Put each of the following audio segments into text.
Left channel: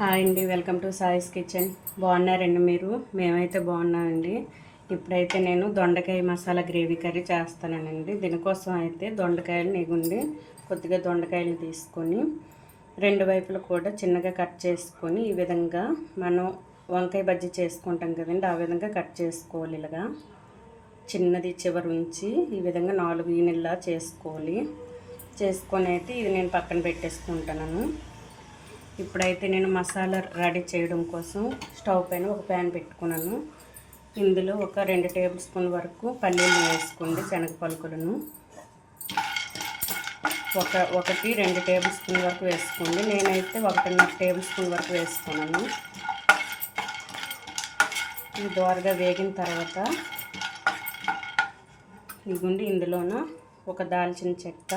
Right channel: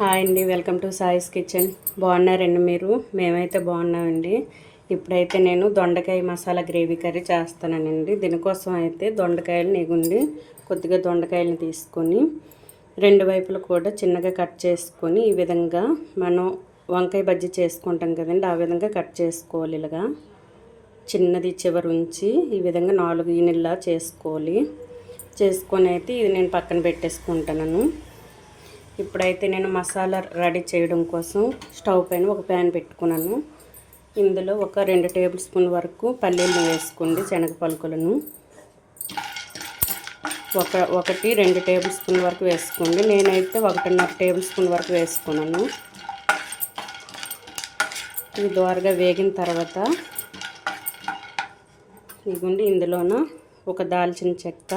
Hi అండి, welcome to సాయిస్ kitchen. బాగున్నారండి మీరు? మేమైతే బాగున్నామండి. ఇప్పుడైతే నేను దొండకాయ మసాలా గ్రేవీ కర్రీ చేస్తానండి. దీనికోసం అయితే దొండకాయలు నెగుండి కొద్దిగా దొండకాయలు తీసుకొని రెండు వైపులు కూడా చిన్నగా కట్ చేసుకొని ఈ విధంగా మనం వంకాయ బజ్జీ చేసుకుంటాం కదండి, ఆ విధంగా కట్ చేసుకోవాలి. ఇలాగా చిన్నది చివరి ఉంచి ఈ విధంగా 4 యూనిట్లా చేసుకోవాలి. చేసుకొని అయితే ఇది నేను పక్కన పెట్టేసుకుంటాను. ఇప్పుడైతే నేను మసాలా రెడీ చేయడం కోసం స్టవ్ పైన ఒక ప్యాన్ పెట్టుకున్నాను. ఇందులో ఒక 2 టేబుల్ స్పూన్ వరకు పల్లీలు వేసుకోండి, శనగ పలుకులను. 2 టేబుల్ స్పూన్ వరకు వేసుకోండి. నేనైతే 1.5 టేబుల్ స్పూన్ వరకు వేసుకున్నాను. ఇది దోరగా వేగిన తర్వాత ఇదిగోండి ఇందులోన ఒక దాల్చిన చెక్క,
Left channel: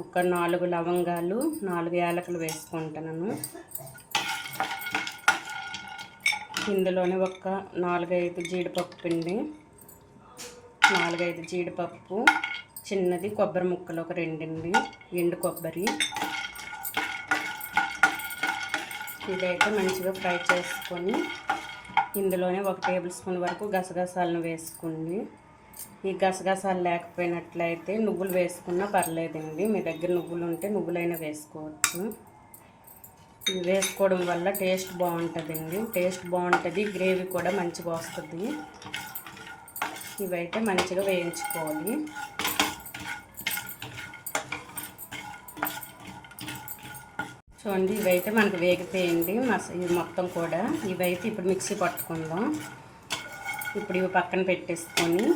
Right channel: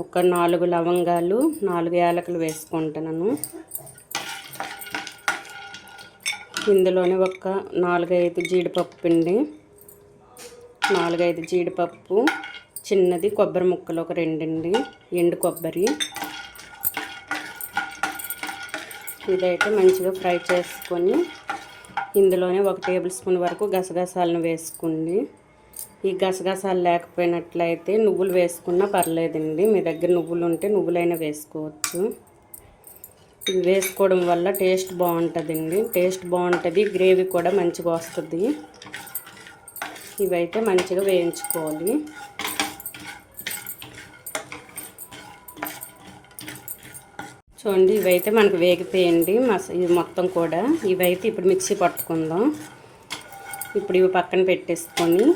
ఒక 4 లవంగాలు, 4 యాలకులు వేసుకుంటున్నాను. ఇందులోనే ఒక 4-5 జీడిపప్పు పిండి, 4-5 జీడిపప్పు, చిన్నది కొబ్బరి ముక్కలు ఒక 2 ఎండు కొబ్బరి. ఇదైతే మంచిగా ఫ్రై చేసుకొని ఇందులోనే 1 టేబుల్ స్పూన్ వరకు గసగసాలను వేసుకోండి. ఈ గసగసాలు లేకపోయినట్లయితే నువ్వులు వేసుకున్నా పర్లేదండి. మీ దగ్గర నువ్వులు ఉంటే నువ్వులైనా వేసుకోవచ్చు. ఇవి వేసుకోవడం వల్ల టేస్ట్ బాగుంటుందండి. టేస్ట్ బాగుంటుంది, గ్రేవీ కూడా మంచిగా వస్తుంది. ఇవైతే మంచిగా వేయించుకోవాలి. చూడండి, ఇవైతే మనకు వేగిపోయింది ఇది మొత్తం కూడా. ఇవైతే ఇప్పుడు మిక్సీ పట్టుకుందాం. ఇప్పుడు ఇవి పక్కన పెట్టేసుకొని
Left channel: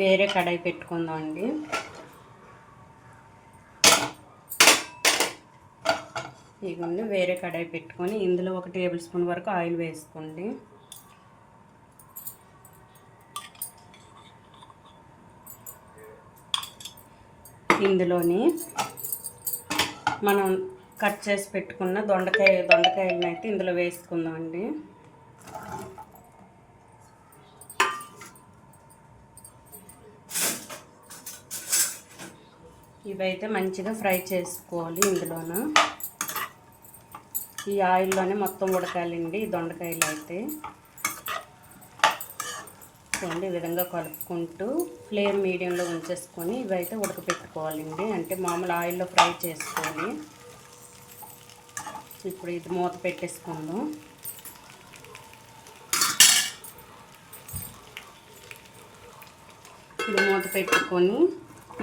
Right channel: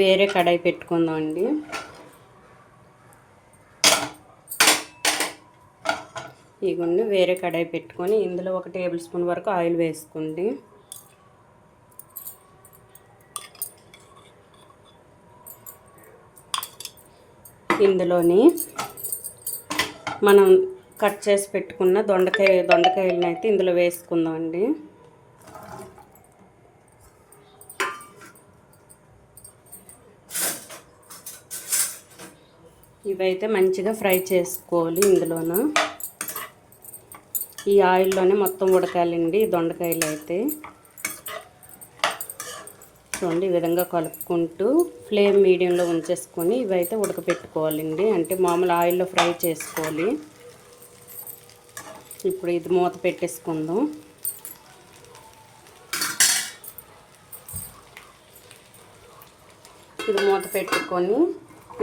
వేరే కడాయి పెట్టుకుందాం అండి. ఇవన్నీ వేరే కడాయి పెట్టుకొని ఇందులో 1 టేబుల్ స్పూన్ వరకు ఆయిల్ వేసుకోండి. ఇందులోని మనం కట్ చేసి పెట్టుకున్న దొండకాయలను అయితే ఇందులో వేసుకుందామండి. ఇవైతే మంచిగా ఫ్రై చేసుకోవాలి. ఇందులోన ఈ ఆయిల్లోనే మొత్తం ఉడకాలండి ఈ దొండకాయలు అయితే. చూడండి, ఈ విధంగా కలుపుకుంటూ ఫ్లేమ్ మీడియంలో ఉంచేసుకొని ఇవైతే ఉడకపెట్టుకోవాలండి. అంటే మామూలు ఆయిల్లో ఫ్రై చేసుకోవాలి. ఇప్పుడు ఇది మూత పెట్టేసుకుందాం. ఇది మూత పెట్టుకొని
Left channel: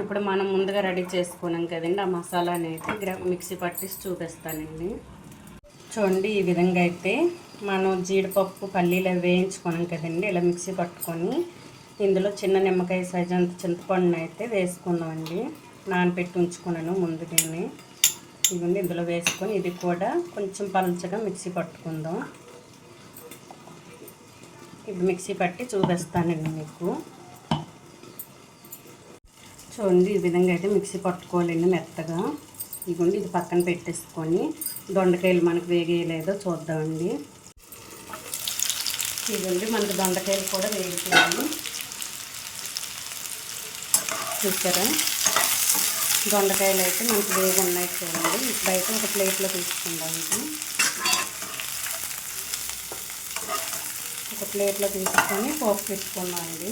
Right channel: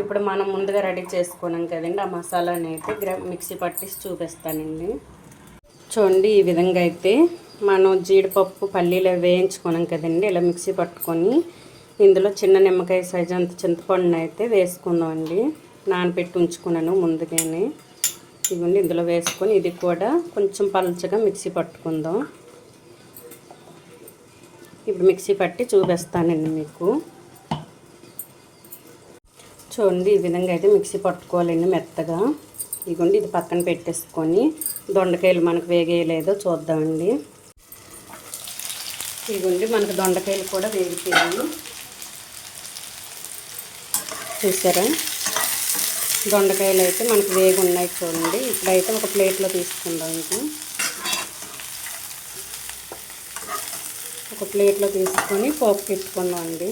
ఇప్పుడు మనం ముందుగా రెడీ చేసుకున్నాం కదండి, ఆ మసాలాని అయితే మిక్సీ పట్టేసి చూపిస్తానండి. చూడండి, ఈ విధంగా అయితే మనం జీడిపప్పు పల్లీలు వేయించుకున్నాం కదండి, ఇలా మిక్సీ పట్టుకొని ఇందులో చిన్న నిమ్మకాయ సైజు అంత చింతపండుని అయితే వేసుకుందామండి. నానబెట్టి ఉంచుకున్నాను ముందుగానే. ఇవన్నీ ఇందులో వేసుకొని ఇది కూడా కొంచెం పలుచగా మిక్సీ పట్టుకుందాం. ఇప్పుడు మిక్సీ పట్టి చూపిస్తానండి మీకు. చూడండి, ఈ విధంగా అయితే మిక్సీ పట్టుకోవాలండి మెత్తగా. ఇదిగోండి, ఇది పక్కన పెట్టేసుకొని దొండకాయలు మనకు వేగేయలేదో చూద్దామండి. ఇదిగోండి, మనకు దొండకాయలు కూడా వేగిపోయాయి. చూసారా, దొండకాయలు అయితే మనకు వేగి ఉన్నాయి. చూడండి, ఇప్పుడైతే ఒక ప్లేట్లో తీసుకుందాం. ఒక ప్లేట్లో తీసుకొని పోపు పెట్టుకుందామండి.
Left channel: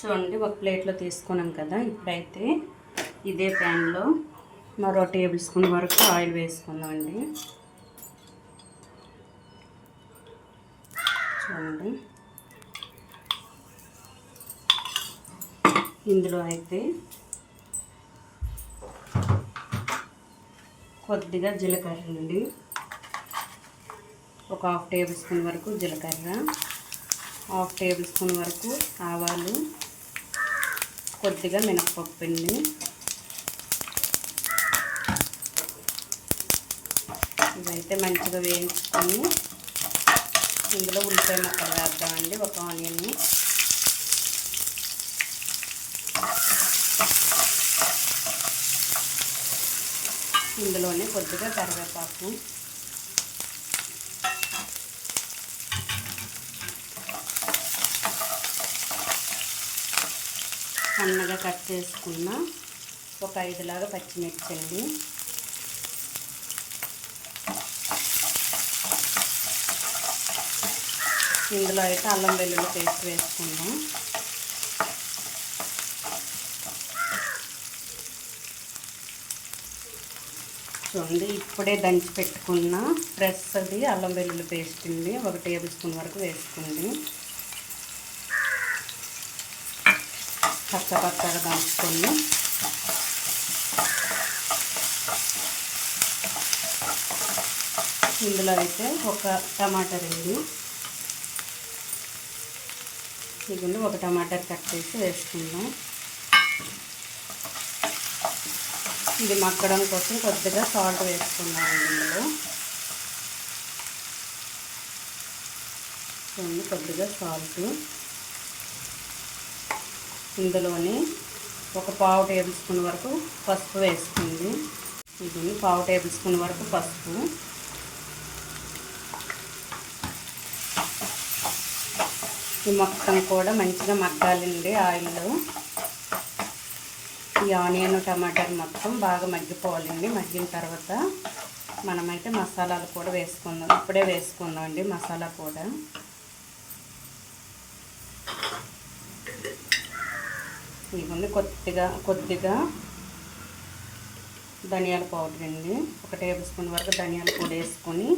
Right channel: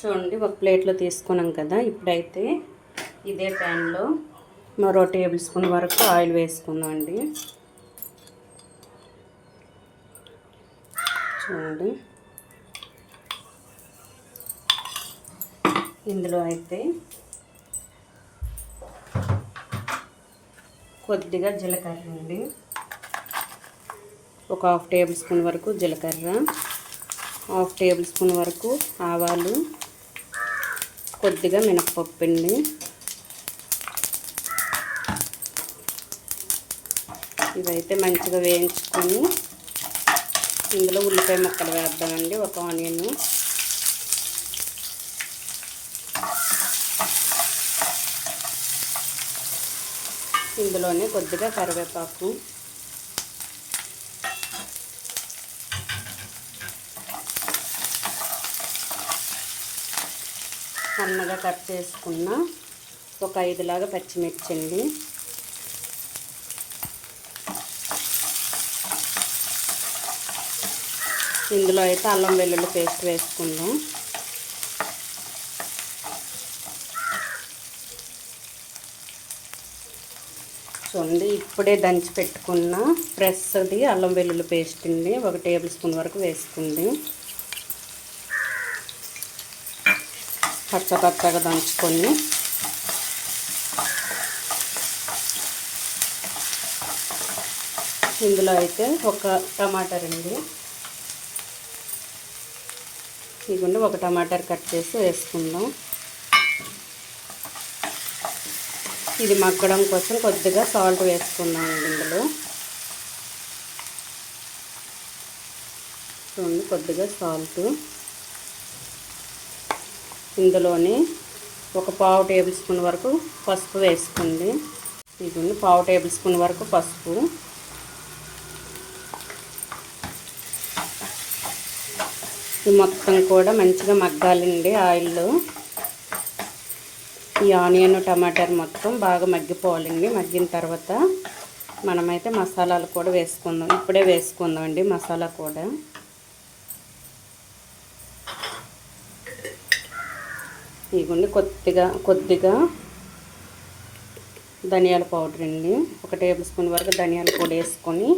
చూడండి, ఒక ప్లేట్లో తీసుకున్నాం కదా. ఇప్పుడైతే ఇదే ప్యాన్లో మరో టేబుల్ స్పూన్ వరకు ఆయిల్ వేసుకుందాం అండి. చూడండి, ఇందులో అయితే కొద్దిగా జీలకర్ర అండి, ఒక 1/2 టేబుల్ స్పూన్ వరకు జీలకర్ర, 1/2 టేబుల్ స్పూన్ వరకు ఆవాలు, కొద్దిగా మినపప్పు అండి. ఇవైతే మంచిగా వేయించుకొని ఇందులో ఉల్లిపాయ ముక్కలు వేద్దామండి, ఒక ఆనియన్, ఇందులోనే కొద్దిగా కరివేపాకు, సన్నగా కట్ చేసుకున్న ఒక 5 లాగా పచ్చిమిర్చి అండి. ఇందులో అయితే అల్లం వెల్లుల్లి పేస్ట్ వేసుకుందాం. చూడండి, ఇప్పుడే దంచి పెట్టుకున్న ఫ్రెష్ది అల్లం వెల్లుల్లి పేస్ట్ అండి 1 టేబుల్ స్పూన్ వరకు వేసుకుంది. పచ్చగా దంచుకొని ఇందులో అయితే ఒక టమాటా అండి, ఇదిగోండి ఒక టమాటా కట్ చేసి వేసుకుందాం. ఇది మగ్గడం కోసం కొద్దిగా సాల్ట్ వేసుకున్నామండి. ఇందులో చూడండి కొద్దిగా సాల్ట్, ఇందులోనే ఒక 1/2 టేబుల్ స్పూన్ వరకు పసుపు వేసుకుంది. ఇది 1/2 టేబుల్ స్పూన్ వరకు పసుపు. ఈ మొత్తం కూడా మంచిగా మగ్గాలండి ఆయిల్లో. ఈ ఆనియన్ టమాటర్ మొత్తం బాగా మగ్గిపోవాలండి. మగ్గిన తర్వాత మనమైతే మసాలాలు కూడా వేసుకుందాం. ఇప్పుడే వేసుకుందాం అండి మసాలా కూడా. ఇదిగోండి కొద్దిగా ధనియాల పౌడర్ అండి, 1 టేబుల్ స్పూన్ వరకు ధనియాల పొడి వేసుకొని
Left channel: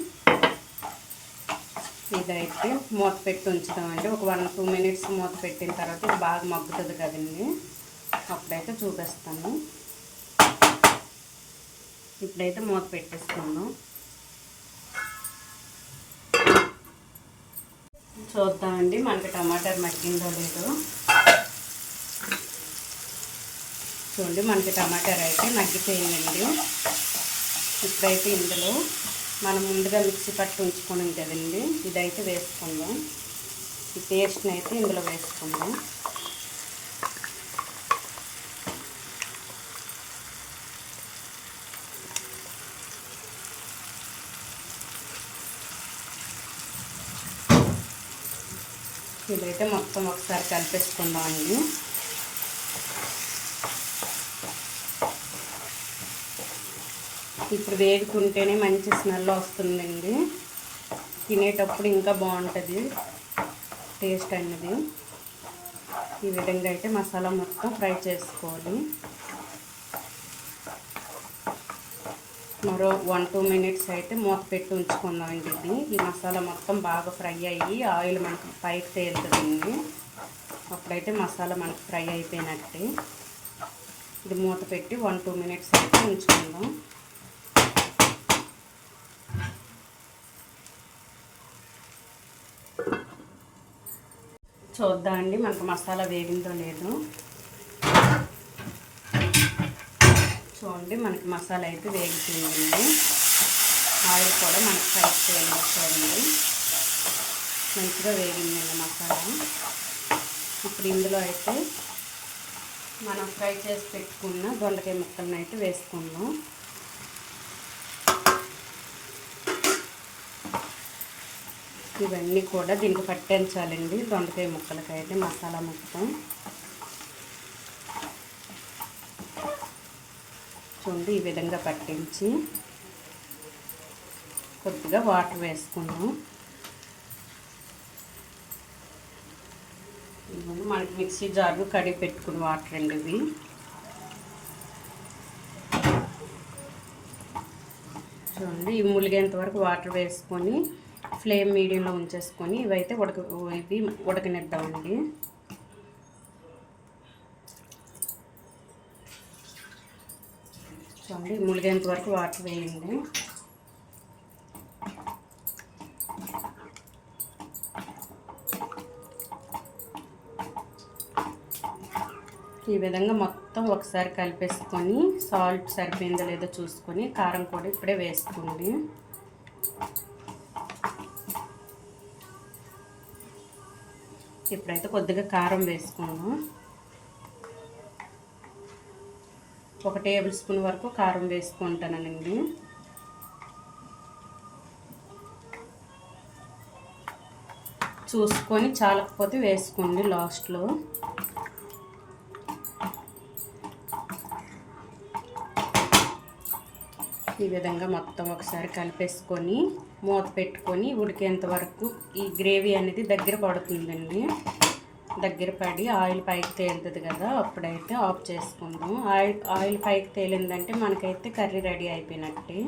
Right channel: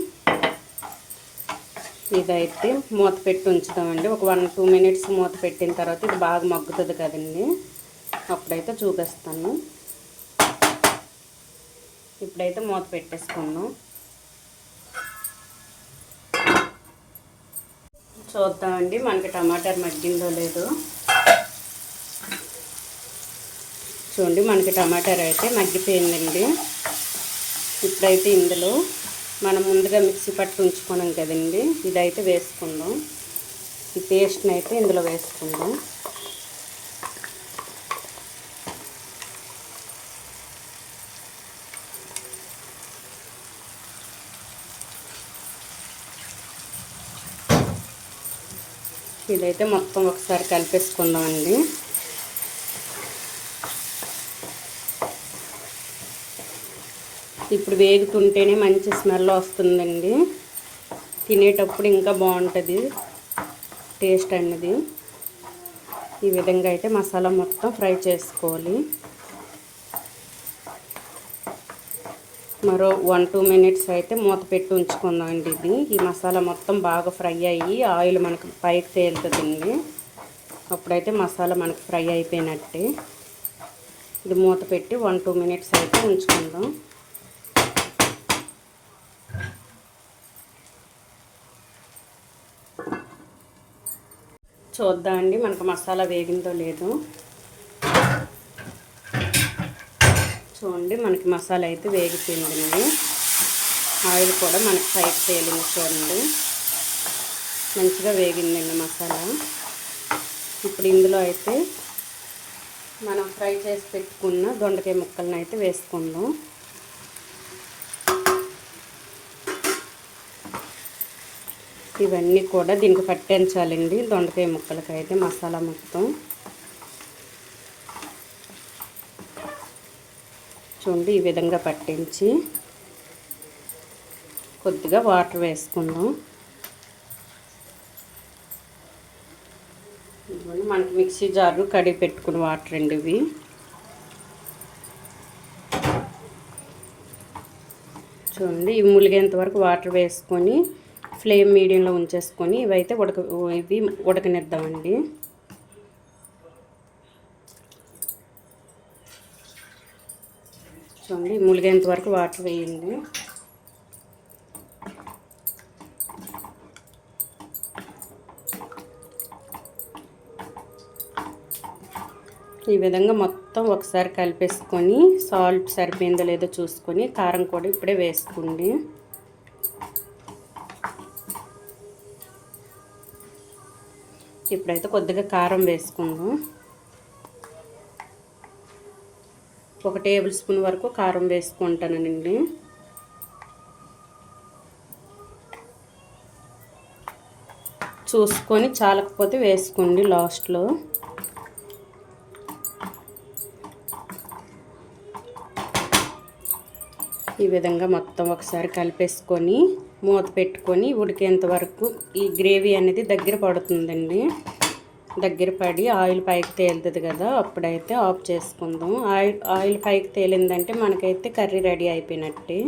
ఇదైతే మూత పెట్టి ఉంచుతామండి. ఒక 1-2 మినిట్స్ మూత పెట్టిన తర్వాత ఇది బాగా మగ్గుతుంది కదండి, అప్పుడైతే చూపిస్తాను. ఇప్పుడైతే మూత పెట్టేసుకుందాం. చూద్దామండి మనకి టమాటాలు మగ్గిందో లేదో. చూడండి మనకి టమాటాలు అయితే మగ్గిపోయిందండి. ఇప్పుడైతే ఇందులో మనం ముందుగా మిక్సీ పట్టి ఉంచుకున్నాం కదండి, ఇదైతే వేసుకుందాం. ఈ పేస్ట్ని అయితే ఇందులో వేసుకుందాం. ఇదైతే మొత్తం ఒకసారి కలిపేసుకుందామండి. ఇప్పుడు వేగుతుంటేనే మంచి స్మెల్ వస్తుందండి. తినేటప్పుడు ఇంకా బాగుంటుంది టేస్ట్ అన్నది. ఈ విధంగా అయితే మసాలా మొత్తం ఫ్రై చేసుకోవాలి. మరో 1-2 మినిట్స్ అయితే మూత పెట్టి ఉంచుకుందామండి. ఈ మసాలా మొత్తం బాగా ఫ్రై అయ్యి ఆయిల్ మనకు పైకి తేలుతుందండి. అప్పుడైతే మసాలా మనకు ఫ్రై అయిపోయినట్టే. ఇది మూత పెట్టి 1-2 మినిట్స్ అయితే ఉంచుకుందాం. చూద్దామండి మనకు మసాలా వేగిందో లేదో. చూడండి మనకి మసాలా అయితే వేగిపోయిందండి. ఆయిల్ కూడా మనకి పైకి తేలింది. చూడండి మంచిగా వేగిందండి మసాలా. ఇప్పుడు ఇందులో అయితే మనం ఫ్రై చేసి పెట్టుకున్న దొండకాయ ముక్కలను అయితే వేసుకుందాం. ఇవన్నీ కూడా దీనికి పట్టించాలండి, దొండకాయ ముక్కలకి అయితే మసాలా మొత్తం. చూడండి ఈ విధంగా పట్టించి కొద్దిగా వాటర్ వేసుకుందాం. మనకి మిక్సీ జారు కడిగి పెట్టుకుని వాటర్ అండి ఇవి. చూడండి ఇవి ములిగేంత వరకు వాటర్ వేసుకొని ఫ్లేమ్ మీడియంలో ఉంచేసుకొని ఇవైతే ఇవి ఉడకనిద్దామండి. చూడండి ములిగేంత వరకు వాటర్ వేయండి. ఈ విధంగా మొత్తం ఒకసారి కలిపేసుకొని సాల్ట్ సరిపోయిందో లేదో చూసుకొని కారం కూడా ఇప్పుడే వేసుకోండి. ఇప్పుడైతే కొద్దిగా కారం వేసుకుందాం. 1 టేబుల్ స్పూన్ వరకు కారం వేసుకుంటానండి. చూసుకొని చాలకపోతే వేసుకోండి లాస్ట్లో. ఈ విధంగా మొత్తం ఒకసారి కలిపేసుకొని మూత పెట్టుకొని ఉడికేంత వరకు ఈ గ్రేవీ అనేది దగ్గర పడుతుందండి. దగ్గర పడి ఆయిల్ పైకి తేలుతుంది కదా, అప్పుడైతే ఆఫ్ చేసుకుందాం. ఆయిల్ పైకి తేలిందంటే మనకైతే కర్రీ రెడీ అయిపోయినట్టే.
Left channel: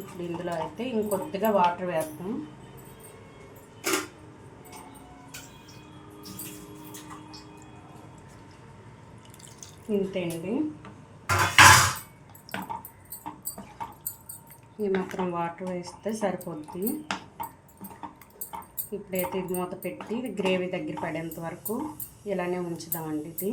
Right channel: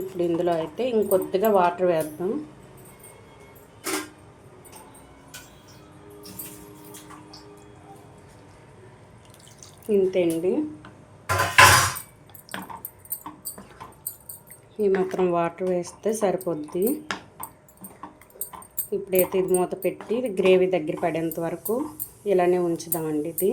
ఇప్పుడు ఇందులో అయితే ఇంకొద్దిగా వాటర్ వేద్దాం. ఇంతే అండి, ఈ మాత్రం వాటర్ వేస్తే సరిపోద్ది. ఇప్పుడైతే ఇది మూత పెట్టి గ్రేవీ దగ్గర పడేంత వరకు ఇలానే ఉంచుదామండి. ఇది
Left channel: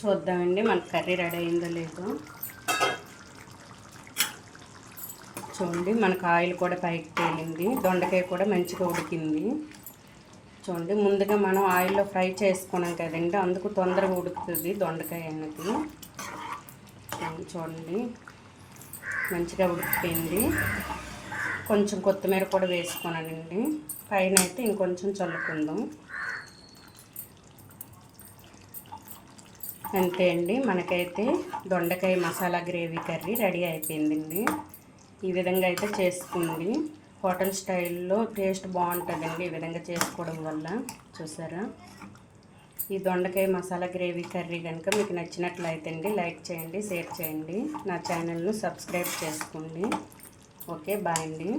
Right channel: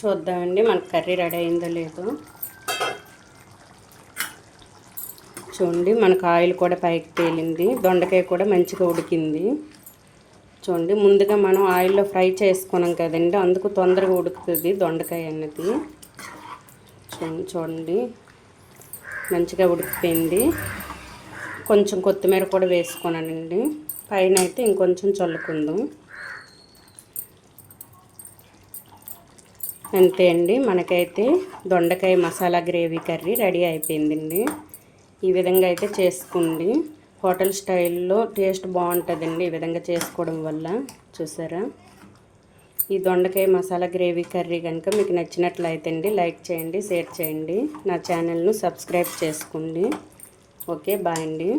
చూద్దామండి మన కర్రీ రెడీ అయిందో లేదో. చూడండి, మనకు ఆయిల్ కూడా పైకి తేలింది, దొండకాయ కూడా మంచిగా ఉడికింది. చూడండి, ముందుగా మనం ఆయిల్లో ఫ్రై చేసుకున్నాం కదండి, అందుకు తొందరగా ఉడుకుతుంది దొండకాయ అన్నది. చూడండి మంచిగా ఉడికిపోయింది. కొంచెం కొత్తిమీర కూడా వేసుకున్నానండి, పైన అయితే ఇంకొంచెం చల్లుకుందాం. అంతే అండి, మనకైతే దొండకాయ మసాలా గ్రేవీ కర్రీ రెడీ అయిపోయిందండి. ఈ విధంగా అయితే చేసుకోండి, హోటల్ స్టైల్లో టేస్ట్ బాగుంటుందండి ఈ విధంగా చేసుకోవడం వల్ల. చూసారా, ఈ దొండకాయ మసాలా గ్రేవీ కర్రీ కనుక మీకు నచ్చినట్లయితే అండి లైక్ చేయండి, షేర్ చేయండి, నా ఛానల్ను సబ్స్క్రైబ్ చేసుకోండి. ఓకే, బాయ్ అండి.